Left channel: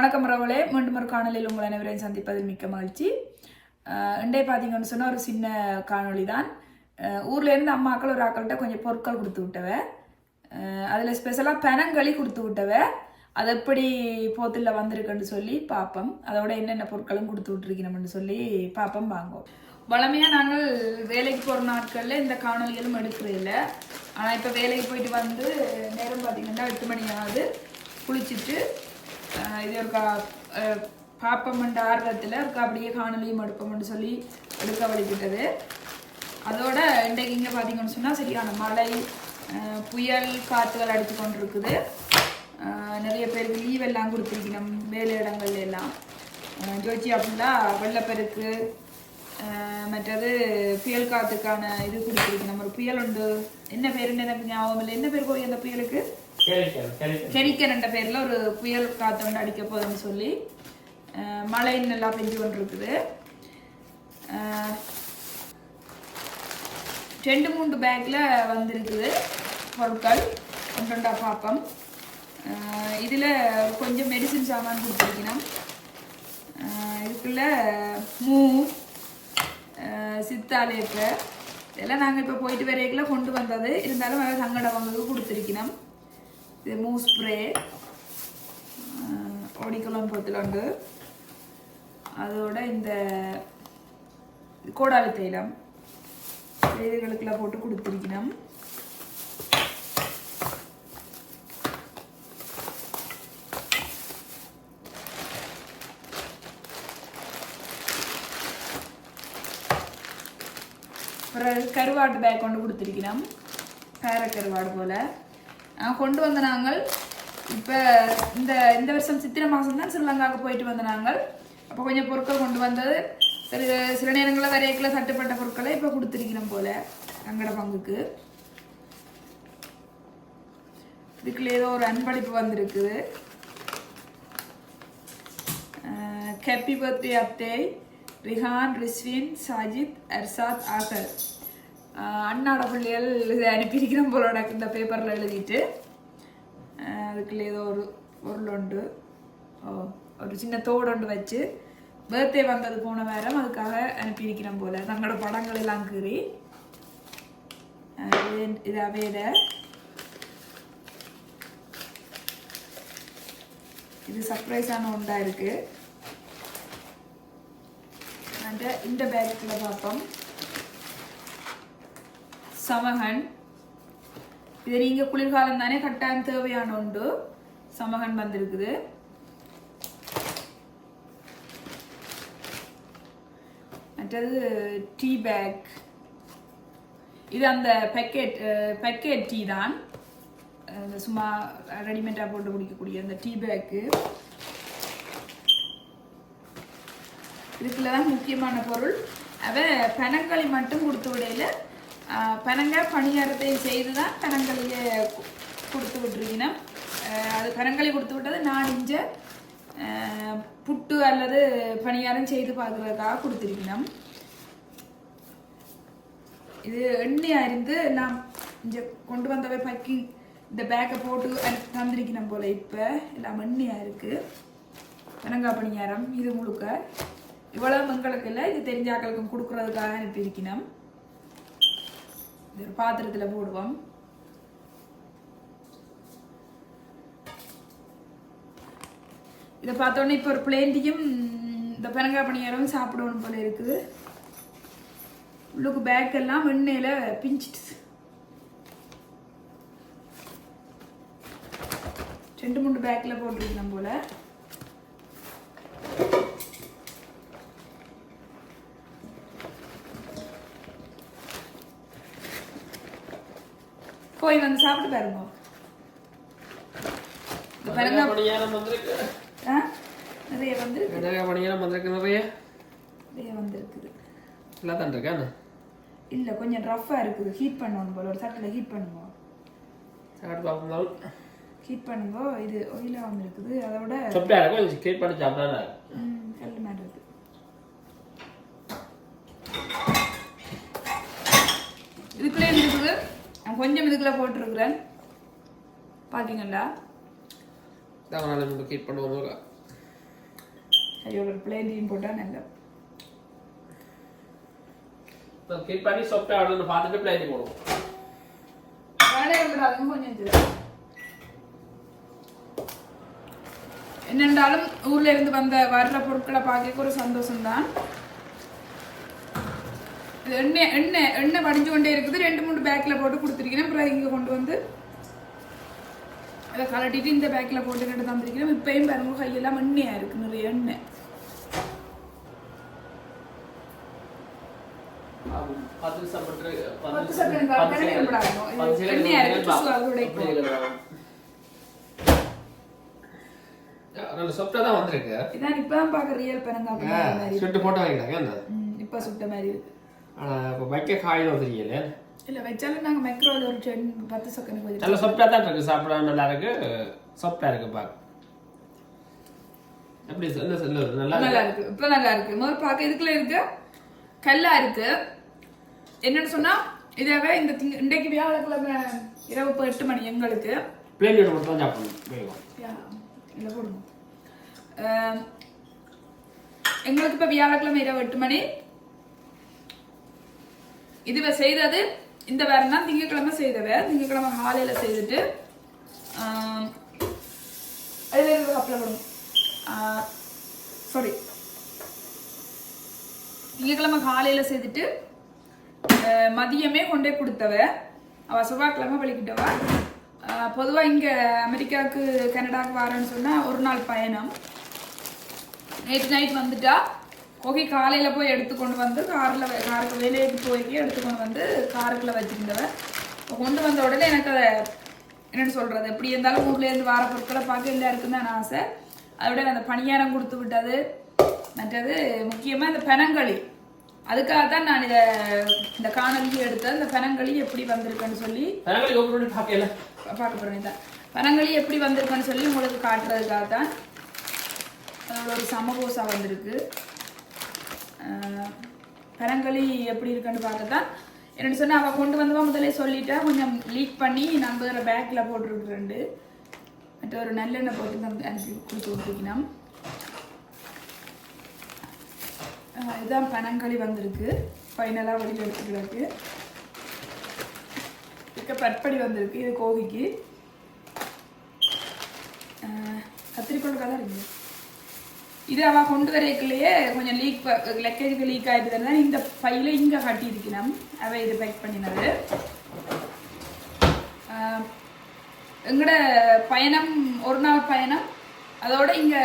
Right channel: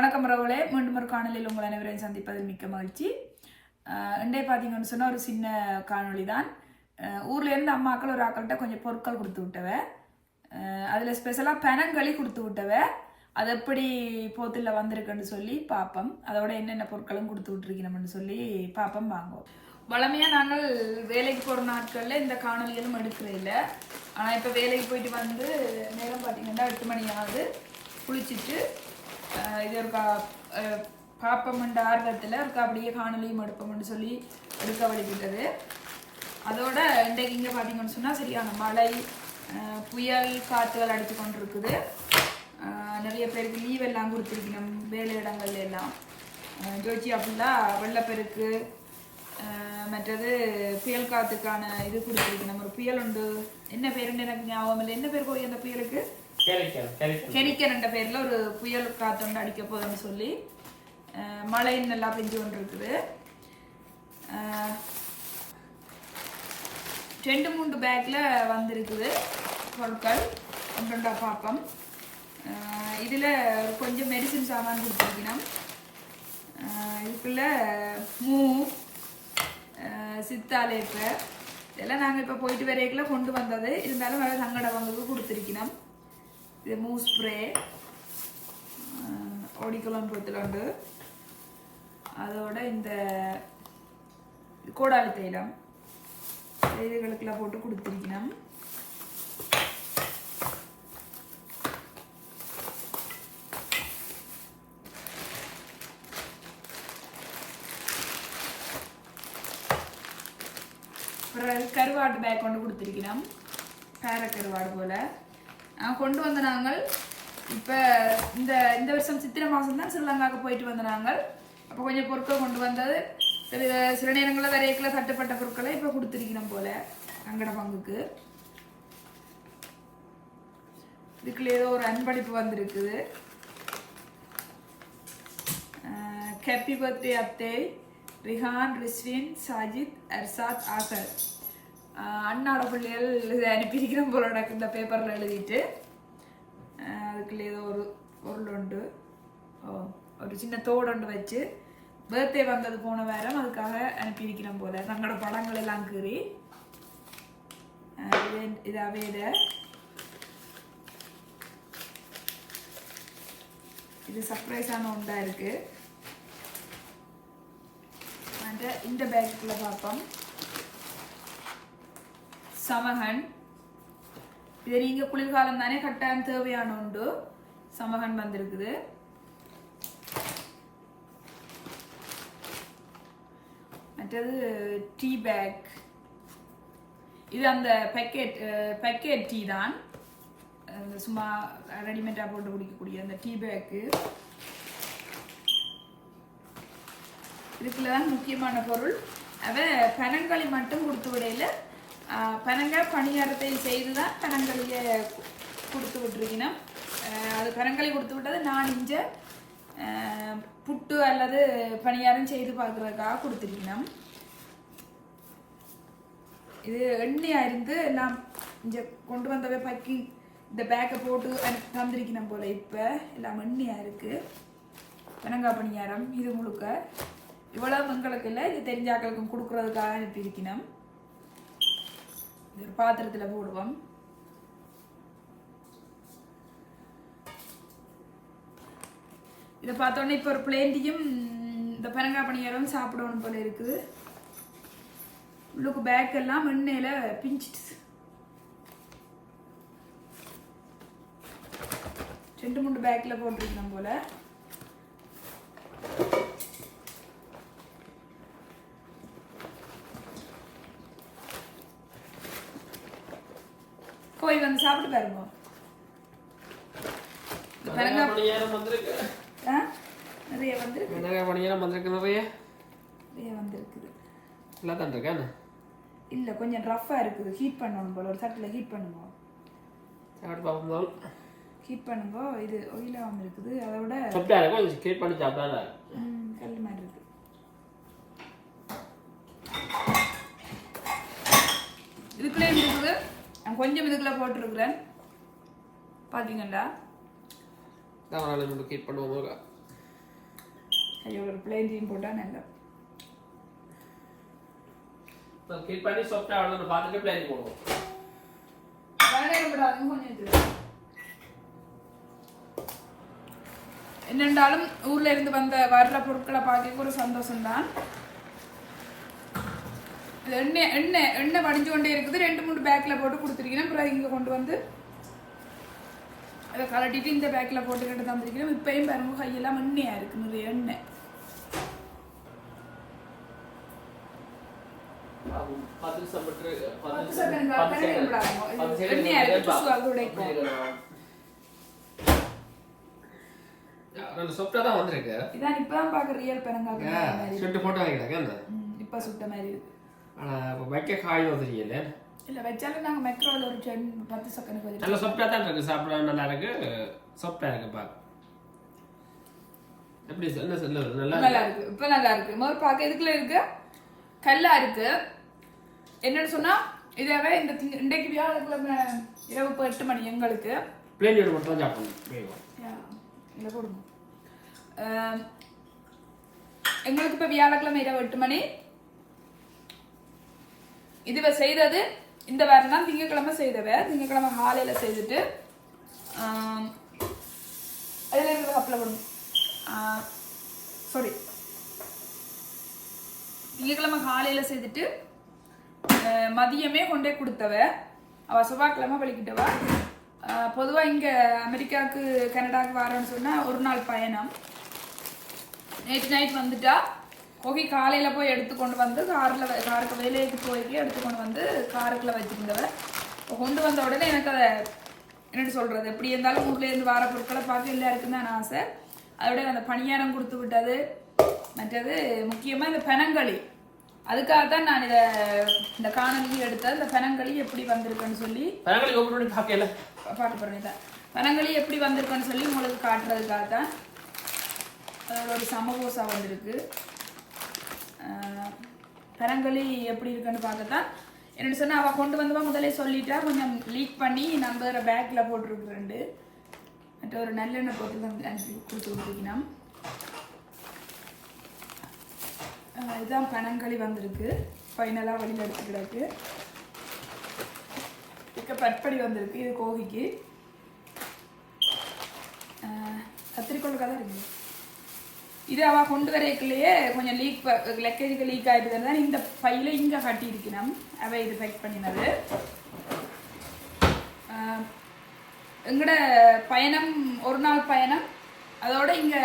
வணக்கம் ரவளே. மீண்டும் ஒரு காணொலியில் உங்கள் அனைவரையும் சந்திப்பதில் மிக்க மகிழ்ச்சி. இண்டே பார்த்தீங்கன்னு சொன்னால் ஒரு சின்ன காணொளி தான் ஊர்லேருந்து அம்மாக்கள் ஒரு ஆக்கள்கிட்ட கொஞ்சம் பொருட்கள் கொடுத்து விட்டவ. அதில் ஸ்பெஷலாக பெனங்களி கொடுத்து விட்டவ. அது எப்படி போத்தில் வந்திருக்குன்னு சொல்லி பார்ப்போம் அதோட என்னென்ன பொருட்களும் கொடுத்து விட்டுருக்கணும்னு சொல்லி பார்ப்போம் வாங்குவோம். வளமையாக நாங்கள் வேலைக்கு போகிற நாட்களில் இந்த காணொலிகளும் எடுக்கிறது இல்லை. ஆனால் இப்போ வேலைக்கு போயிட்டு வந்து நேரம் பார்த்தீங்கன்னா எட்டு மணி ஆகுது. குளிச்சுட்டு இது ஒரு கா ஆர்வத்தில் இருக்கா அப்படியே காணொலியும் எடுப்போம்னு சொல்லி எடுக்க வழிபட்டது அதோட இன்றைக்கு இங்கே பார்த்தீங்கன்னு சொன்னால் சரியான மழை புயல் காற்றுகள் அடித்து கொண்டு இருக்குது நிறைய பேருக்கு லீவ் எல்லாம் கொடுத்துருக்கணும் வேலை இடங்கள்ல எல்லாம். ஜோஜி அப்படின்னா வெள்ளப்பெருக்கு மற்றது புயல் காத்துக்கான இது கொடுத்துருக்கணும். ஒரு புயல் உண்டு. என்ன பேருன்னு எனக்கு ஞாபகம் இல்லை. என்ன பேர் கோய் அந்த புயலுக்கு? கெரிக்கன் என்ற பேர்ல ஒரு புயல் காத்து வந்து அடிக்க போகுதுன்னு சொல்லி மழை நல்லா பெஞ்சு கொண்டு இருக்குது ரெண்டு மூன்று பேக்கில் வந்திருக்குது பொருட்கள். ஒன்றொண்டா பாப்பம் இதில் கொஞ்சம் மெடிசின் சாமான் கொடுத்துருக்கணும். இதுக்குள்ள மூ சித்தாலேப்பு இதெல்லாம் நாங்கள் இப்போ போயிட்டு வரைக்குள்ள கொண்டு வந்தது. இருந்தாலும் அதை சங்கட கொடுத்துருக்கணும். இது மூ ஸ்ப்ரே ஓடிக்குளம் பொத்துலண்டு அதோட இந்த கோடாலி தைலம். இதுகளுக்கெல்லாம் போட்டு கொடுத்துருக்கணும். பிறகு கருவாட்டு பேக் கொண்டு கொடுத்துருக்கணும். பேர கருவாடு போல். கொண்டு வந்த நாங்கள். இப்போ இந்த இந்த வருஷம் சித்திரை மாதம் தான் ஸ்ரீலங்காவுக்கு போயிட்டு வந்த நாங்கள். அப்போ கொஞ்சம் பொருட்கள் கொண்டு வந்தது. சில நேரங்களில் வரையக்கில் தட்டுப்பட்ட பொருட்களை இப்போ கொடுத்துருக்கணும் போல் அங்கட பங்குக்கு. இதுக்குள்ள ஏதோ ஒரு அன்பளிப்பு வந்திருக்குது. ஹாப்பி பர்த்டே அத்தை. ரிஹான் ரிஸ்வின் சாஜித் அர்சாத் ஆகர் அண்ணாட பிள்ளைகள் இதை அனுப்பியிருக்கிறோம் போல எனக்கு இந்த பேப்பரில் எழுதிட்டு. அதுக்குள்ளே ஏதோ ஒரு பொருள் உண்டு. ஓ ஒரு சின்ன தோடு ஒன்று வச்சு பர்த்டே வந்தது போன வாரம் அதுக்காக அனுப்பியிருக்கிறோம் போல். தங்களோட படங்கள் எல்லாம் கீறி. இது- இது அவையிட இது சர்ப்ரைஸான ஒன்றாக இருக்குது அந்த இந்த பேக்குள்ளே பார்ப்போம் சமகன். இது நீங்க குளிர்காலம் தானே கட்டாயம் தேவையான உண்டு சமகன் வந்திருக்குது. மற்றது டீ பேக் இது அந்த பேக்கெட் பேக்கெட் டீ தான். சும்மா ரெடிமேடாக போட்டு குடிக்கக்கூடிய அந்த டீ பேக்கு இதுக்குள்ள தான் முக்கியமான பொருள். அவ பனங்களி மட்டும் கொடுத்து விடையில பனங்க பணியாரத்தை செய்து தான் பனங்களியை கொடுத்து விட்டுருக்கணும். அது பனங்களை கொடுத்து விட்டது நான் இஞ்ச புட்டு அல்லது பணியாரம் செய்து பார்க்கறதுக்காக கொடுத்துருக்கணும். இது எண்ணெயாக இருந்து எல்லாம் இங்கே கொண்டு வந்தவை பக்கிங் இந்த பேக்கை போட்டு அனுப்பி தந்திருக்கணும் போல் இப்போ. எல்லாம் எண்ணெயாக இருக்குது பனங்காய் பணியாரம் இது முழுக்க. இவ்வளோ எங்களுக்கு இல்லை இது தெரிஞ்சாக்களுக்கும் கொடுக்குறதுக்காக அனுப்பியிருக்கணும். இது ஒரு பாத்திரத்தில் போடுவோம். இதை பார்த்தோன்னே இப்போ ஒரு பிளேண்டியும் இந்த பனங்காய் பணியாரம் சாப்பிடணும் போல இருக்குது. உள்ளுக்கு பேக் எல்லாம் எண்ணெயில் பிஞ்சிட்டு. ரெண்டு மூணு பேக்கில் போட்டிருக்கணும் போல. போய் வந்து சாப்பிட்டு பாருங்க. ஆ? நிறைய வந்திருக்கு. நிறைய பணியெல்லாம் வந்திருக்கு நிறைய. நிறைய வந்திருக்குது. எல்லாம் தான் இருக்கேன் இல்லை கொஞ்சம் ரஃப்பாக இருக்குது. ஹீட் பண்ணணும் போல. ஒரு தட்டில் ஹீட் பண்ணுங்க. ஹீட் பண்ணுங்க. இது ஒயிலாகவும் இருக்குது அதோட சாப்பிட்டா இருக்கும் கேட் பண்ணி சாப்பிட்டா ம், கல் மாதிரி இருக்கு. இதுக்குள்ளே இருக்குது கொஞ்சம் இதுக்குள்ள போட்டிருக்கிறேன். பண்ணுவோம் கையோட ஒரு பிளேண்டியும் போட்டால் நல்லா கேட் பண்ணி சாப்பிட்டு அவ்வளோ பார்த்துட்டு பிளேட்டி போடுவோம். கொஞ்சம். என்னென்றாலும் ஊர்ல இருந்து வந்த வர்ற பொருட்களை பார்க்க ஒரு சந்தோஷம்தான். எண்ணெய் எண்ணெய் எண்ணெய் வடிஞ்சு கொண்டே இருக்குது. ரெண்டு மூணு பேக்கில் போட்டு கொடுத்துருக்கிறேன். அப்புறம் இங்கே கொண்டு வந்து அதை கலட்டிட்டு இந்த பேக்கில் போட்டு கிட்ட தந்திருக்கிறேன். இப்பயும் பாருங்க கையெல்லாம் எண்ணெயாக இருக்கு நிறைய எண்ணெய். எண்ணெயா இருக்கு. ரெண்டு தான் வந்திருக்கு. இதான் இப்பதான் பார்க்க ரியல் பெனங்காப்பி மாதிரி சுட்டு போட்டோ வைக்கிறாங்க என்ன ம், இப்ப சுட்ட மாதிரி இருக்கு. ஆனால் வைக்க காயில் வந்துருக்கீங்க இல்ல வச்சாலும் நாங்க மைக்ரோல ஒரு டென் பத்து செகண்ட் கொஞ்சம் நல்ல சொப்டா தான் இருக்கு. சாப்பிட நல்லா இருக்கு. சொப்டா இருக்கு பாரு. எப்படி என்ன சொல்லுது நல்லா நல்லா இருக்கு? இப்ப நல்லா இருக்கு. முதல் பார்க்க இதுக்குள்ள இருக்கு? கல்லா இருக்கு. என்னன்னு சொன்னா இதவே இந்த இன்றைக்கு வியாழக்கிழமை இரவு இப்போ எட்டு மணி எங்களுக்கு. பிளேனியோட மட்டும் சாப்பிடணும். இதுல போடுங்க. எங்களுக்கு இப்ப வியாழக்கிழமை இரவு எட்டு மணி. இதுவ செய்தது இந்த வாரம் திங்கக்கிழமை செய்தவ திங்கக்கிழமை காலையில் செய்துட்டு அதில் அதுல இருந்து கப்பில் விடும் சாரி திங்கக்கிழமை காலையில் செய்துட்டு மதியமே கொண்டே கொடுத்தவ அவள் செவ்வாய்க்கிழமை வலிக்கிட்டவா பொதுவாக இங்கே அமெரிக்காவுக்கு கனடாவுக்கு வரேன்னு சொன்னால் ஒரு நாள் பயணம். நேற்று நைட் வந்துட்டா கோகி காலையில போய் எடுத்துக்கொண்டு வந்து கார்ல காருக்கு வேலைக்கு போய் எடுத்துக்கொண்டு வந்து காருக்குள்ள வச்சிருந்தவ. கொண்டு வந்த உடனே எனக்கு அதை என்னன்னு சொல்றது? எப்படி இருந்தாலும் ஊர்ல இருந்து வார பொருட்களை பார்க்க எல்லாருக்கும் தான் ஆசை. அதோட அந்த பணியாரம் கொடுத்து விட்டது. மற்றது முக்கியமா இந்த பெனங்களி அதுக்காக தான் நான் இதை இந்த காணொலியை எடுத்தேன் இந்த பெனங்களி எப்படி வந்திருக்குன்னு சொல்லி. பார்க்க போறேன் இதான். பனங்களி எப்படி வந்திருக்குன்னு சொல்லி உங்களுக்கு காட்டுறதுக்காக தான் அதோட ஒரு சமபூசா வந்திருக்கு. ஆஹ் பனங்களி எப்படி இருக்குன்னு பார்க்கத்தான். தான் சொன்னால் அவள் கொண்டு வந்தவா முதல்ல சொல்லிட்டா கொஞ்சம் லீக் பண்ணி நான் வேறு பேக்கில் போட்டிருக்கிறேன் மற்ற ஒரு நல்லெண்ணெய் போட்டு வந்து அனுப்பி கொடுத்து கொடுத்துக்கணும் இதுதான் பனங்களி வந்திருக்கு. ஃபைனலாக வெளியில் எடுத்துக்கிறாக்கு இருக்க பட்படி வந்திருக்கு இது கோகிக்கு. ஆஹ் தான் கதை இது அவள் கொண்டு வரக்குள்ளேயே கொஞ்சம் லீக் லக்கேஜுக்கு லீக் ஆயிட்டு தான் இந்த பையில இங்கே கட்டியிருக்கணும் அவள் இது பேக் பண்ணினது. எங்களோட பயணம் ஒரு நாள் பயணம். அதோட இங்கே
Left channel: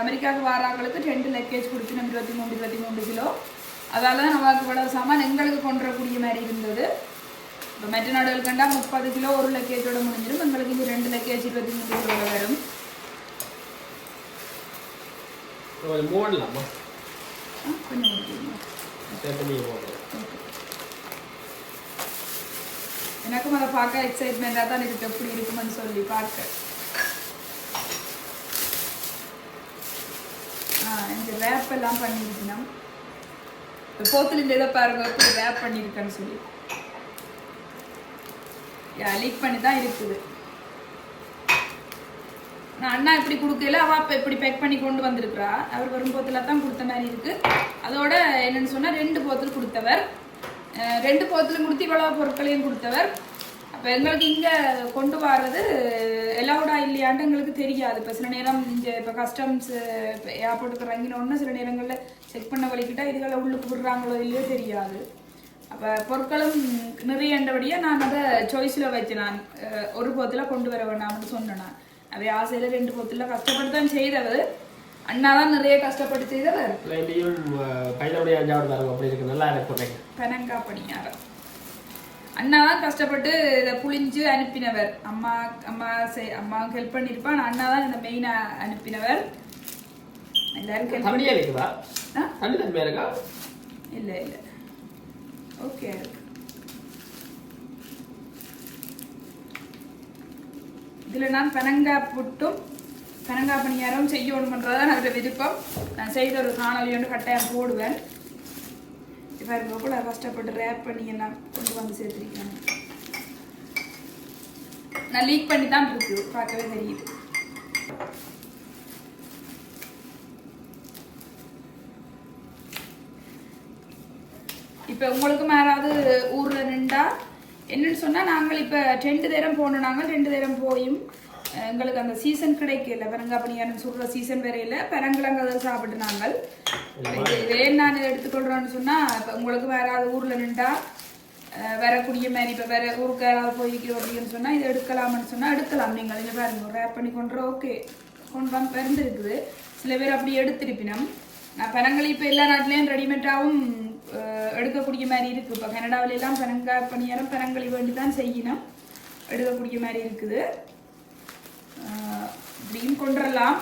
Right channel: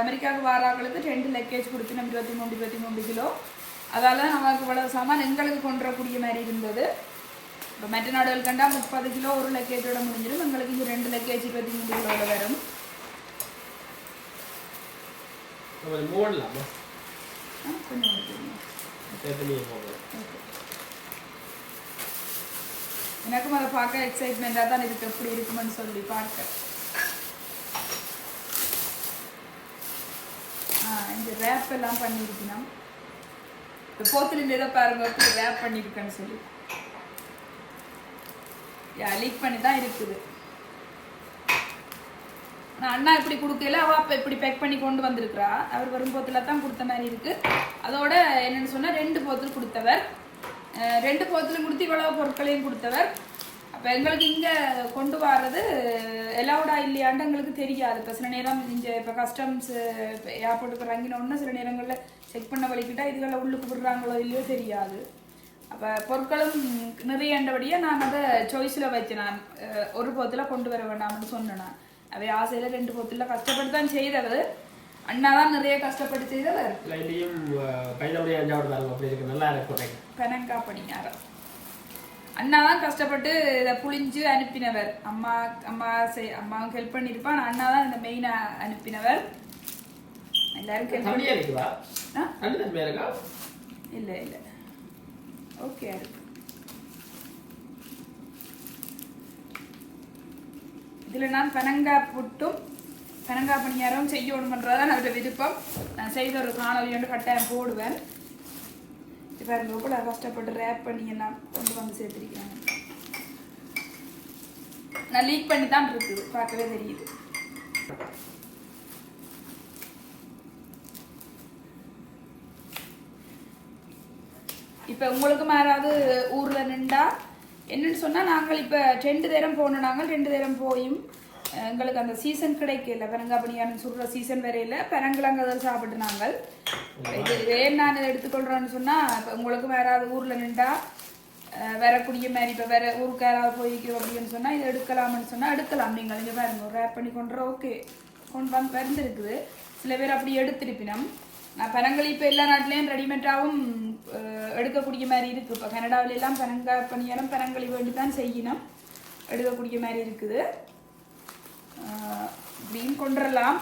அமெரிக்காவுக்கு வாராக்களுக்கு ரெண்டு லக்கேஜ் கொடுத்து இருபத்தி மூணு இருபத்தி மூணு கிலோ. அதால் தான் நமக்கு இவ்வளவு சாமான் எங்களுக்கு கொண்டு வரக்கூடிய மாதிரி இருந்தது. இப்போ மற்ற நாடுகள் கண்டா முப்பது கிலோ ஒரு லக்கேஜோட முடிஞ்சிடும். எங்களுக்கு இங்கே ரெண்டு லக்கேஜ் இருபத்தி மூணு கிலோ வரும். பண்ணலாமா ஆ, கொஞ்சம் ஓகே எனக்கும் அதை பார்க்க எக்ஸைட்மெண்ட்டாக தான் இருக்கு எப்படி இருக்குமென்னு சொல்லி பார்க்க ஆ இந்த ரேப் எல்லாம் பண்ணியிருக்கணும் இந்த போத்தில் இந்த இதை பாருங்க எப்படி ரேப் பண்ணியிருக்கேன்னு சொல்லி யா லீக் பண்ணி தான் இருக்குது அண்ணா இப்படி கொடுக்கல அவ இப்படி பேக் பண்ணி கொண்டு வந்திருக்கிறா. அவர் வரும் தான் கொடுத்த மாதிரி இருக்கு. அதோட என்னன்னு சொன்னா ரெண்டு போத்தல் கொடுத்தவர். ரெண்டு போத்தலும் கொடுத்து இவ்வளவு பொருட்களையும் கொடுத்தவர். அப்ப எங்களுக்கு இங்க கொண்டு வர்றது எலவுடா இல்லையாண்டு எங்களுக்கு தெரியாது. இப்ப சில நேரம் இங்க இப்ப கஸ்டம்ஸ் ஏர்போர்ட்டுக்கு இறங்கினோடனே சில நேரங்கள்ல செக் பண்ண வலிக்கிட்டா இதுகளை உள்ளுக்கு விடுறாங்களோ இல்லையோ தெரியாது. அப்போ பொருட்களும் நிறையண்டபடியாக நான் அதை சாய்ஸில் வச்சேன் நான் ஒரு போத்தில் கொண்டு வர வேண்டாம்னு சொன்னேன் நான். அவை ஆசையில் ரெண்டு போத்தில் கஷ்டப்பட்டு தான் செய்தவர் அண்ணா தான் நிறைய கஷ்டப்பட்டு செய்தவர் பையனுடைய அஞ்சாவது பாருங்க அப்படி இருக்கு. நல்லா இருக்கு போட்டேன் பெனங்கா பணியாரம் அண்ணா தான் கஷ்டப்பட்டு இதை புளிஞ்சு அனுப்பினவர். அம்மா அம்மா செய் அம்மாவுக்கு ஹெல்ப் பண்ணியிருப்பான் அண்ணா தான் இந்த மெயினாக அனுப்பினவர். எல்லாரும் ஹெல்ப் பண்ணி இருக்குதா? இல்லை இல்லை. ஓகே இருக்கு இதில் நான் பனங்கா புட்டும் பனங்கா பணியாரம் செய்யணுமன்றது தான் அவருடைய விருப்பம். நான் செய்த ஒரு காணொலி ஒன்று கட்டாயம் போடுவேன். இப்போ இருக்க கூட கஷ்டப்பட்டு ரேப் பண்ணி எல்லாம் கொண்டு வந்து சேர்த்துருக்காங்க நான் லீக் பண்ணி தான் இருக்கு பார்க்கவே தெரியுது. இப்போ உங்களுக்கு யாராவது ஊர் என்னன்னு சொன்னால் நாங்கள் இப்போ ரெண்டு தேரம் போனோம். நாங்கள் ரெண்டு தேரம் போயும். எங்களுக்கு அந்த சீசன் கிடைக்கல. பனங்காப்பணியான சொல்கிற சீசன் வரையில பனங்கிழங்கு தான் சாப்பிட்டு நாங்கள். இது நான் எடுத்துக்கொள்கிறோன்னு சொன்னால் இப்போ உங்களுக்கு யாராவது ஊரில் நின்றா வரக்கூடிய மாதிரி இப்போ வேற ஊருக்கு யாராவது போயிருக்கோம் அப்படின்னு சொன்னால் இதை எடுக்கலாம்னு சொன்னால் எடுக்கலாம். நீங்கள் இங்கே பாருங்க ரேப் பண்ணி கொண்டு ஓகே கொண்டு வந்து பிறந்திருக்குது சில பேர் அப்படி எடுத்திருப்பினம். பனங்கள் இப்போ எல்லா நாட்டிலையும் ரெடிமேடாகவும் எடுக்கக்கூடிய மாதிரி இருக்கு. இப்போ கனடாவில எல்லாம் பனங்கா பணியாரம் பனங்களி வேண்டி தான் செய்யணும். எடுக்கக்கூடிய மாதிரி இருக்குது. இப்படியும் கொண்டுடலாம்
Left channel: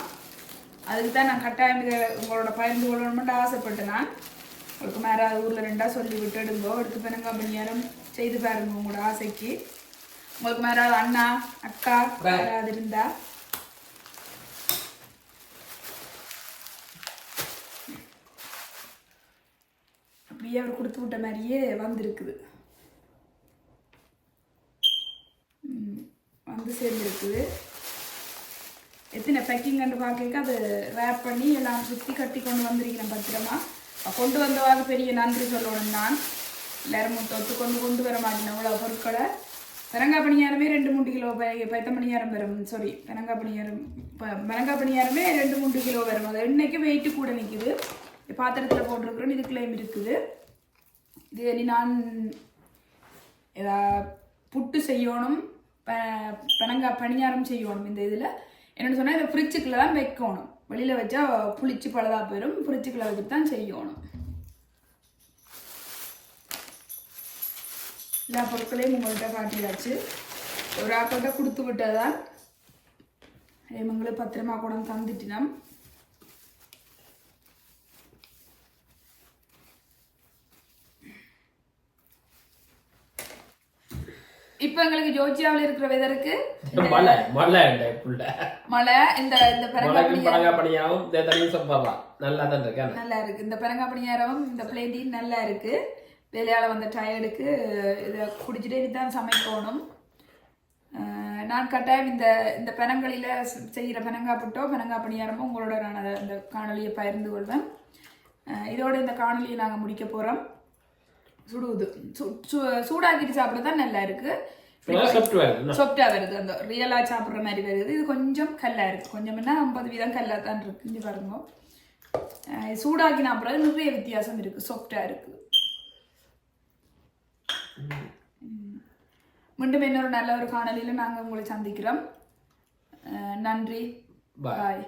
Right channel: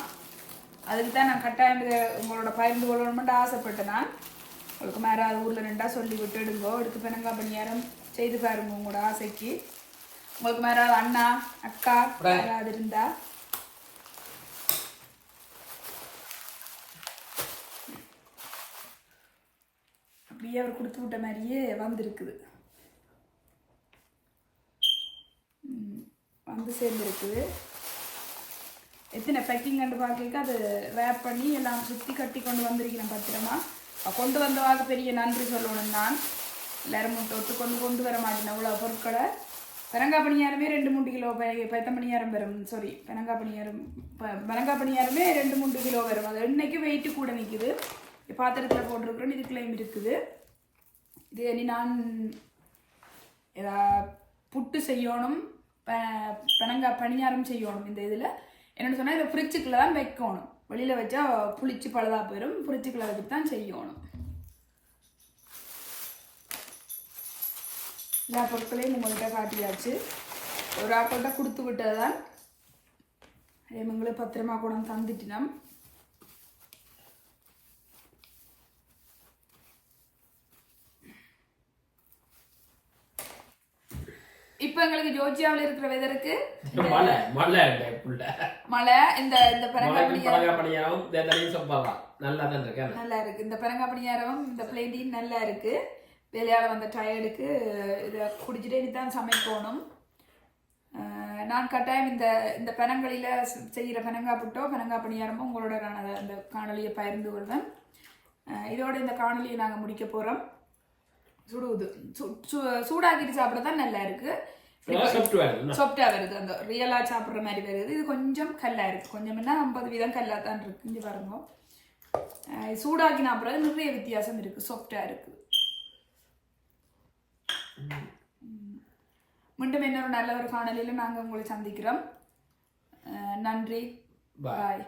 அதுக்கு தான் நான் கட்டாயம் இதை உங்களோட பகிர்ந்து கொள்ளணும்னு ஆசைப்பட்டேன் நான். உங்களுக்கு மேலே ஊரில் ரெண்டா சொல்லி விட்டு எடுங்கோ. எடுத்து பனங்கா பணியாரம் செய்து பாருங்க உங்களோட ஆசைக்கு. உங்களுக்கு மேலே அண்ணா அக்கா யாராவது இருந்தா? அப்படியே அவர் கொடுத்து விட்ட மாதிரியே வந்திருக்குது. வந்து சேர்ந்துருக்குது. எத்தனை பேக்கிங் கண்டு பார்க்க அது ரேப் பண்ணி எல்லாம் சுற்றி கட்டி கொண்டு வந்திருக்கிறேன் பத்திரமா. கொண்டு வந்தவாக பெரிய நன்றி சொல்லணும் நான். எல்லாரும் தொட்டு கொண்டு கொண்டு வர மாட்டேன் அவ்வளோ பொருட்களை. பெரங்கா பணியாரமே ரெண்டு மூன்று கிலோ பைத்த பணியாரம் வரும் சாரி பெரங்கா பணியாரம் இப்போ பெரங்கா பணியாரமே ரெண்டு மூன்று கிலோ வரும் அது இன்னைக்கு வெயிட்டு கூட நிற்குது பாத்திரத்தில் போட்டிருக்கிறோம் கிளைம் இருக்குது. இது இனி நான் ஏதா புட்டு செய்யணும் ப- பனங்கா பணியாரம் செய்யணும் இந்த இதில். என்னென்னு சொன்னால் இதை ஃப்ரிட்ஜுக்குள்ள தான் வைக்கணும். வெளியில் வச்சா புளிச்சு பழுதா போயிடும் ஃப்ரிட்ஜுக்குள்ள வச்சுட்டு தான் செய்யணும். எல்லா பொருட்களையும் உங்கள்கிட்ட காட்டியாச்சு. ஒரு ஆக்கள்கிட்ட கொடுத்து விட்டதுதான். இவங்களை பத்திரமா கூட தந்துட்டினம் இப்போ எங்களுக்கு ஜோர்ஜியாவில் இருக்கிற வெதருக்கு மழை மழை மழை இந்த இந்த பரங்கா மழைக்கும் பழங்கா பணியாவும் தண்ணியும் சாப்பிடலாம் நல்லா தான் இருக்கேன் நல்லா இருக்கு. இந்த பரங்கா பணியாரமும் இந்த பிளேண்டியும் நல்லா இருக்கு. வேலையால் வந்த டயர்டுக்கு இதை குடிச்சிட்டே தான் சமைக்கணும் நான் கட்டாயம் இந்த இந்த பனங்களில் செய்கிற பனங்கா புட்டோ பனங்கா பணியாரமோ உங்களோட நான் அந்த காணொலியை பகிர்ந்து கொள்வேன். இதோட இந்த காணொலியை நாங்கள் முடிக்க போகிறோம் சுடுவது சூடாக்கிட்டு சாப்பிட தான் நல்லா இருக்கு. சாப்பிட்டு வருது. அந்த ரியலா சாப்பிடுற மாதிரி வருது. இது கொஞ்சம் கல்லா இருக்கு. கொஞ்சம் என்ன ஐம்பது வீதம் கல்லா தான் இருக்கு. இங்க பாருங்க. சூடாக்கின அப்புறம் நிறைய வித்தியாசம் இருக்கு. சாஃப்டா இருக்கு. மீண்டும் இன்னொரு நல்ல ஒரு காணொலியில நாங்க உங்களை சந்திக்கிறோம். நன்றி. பாய்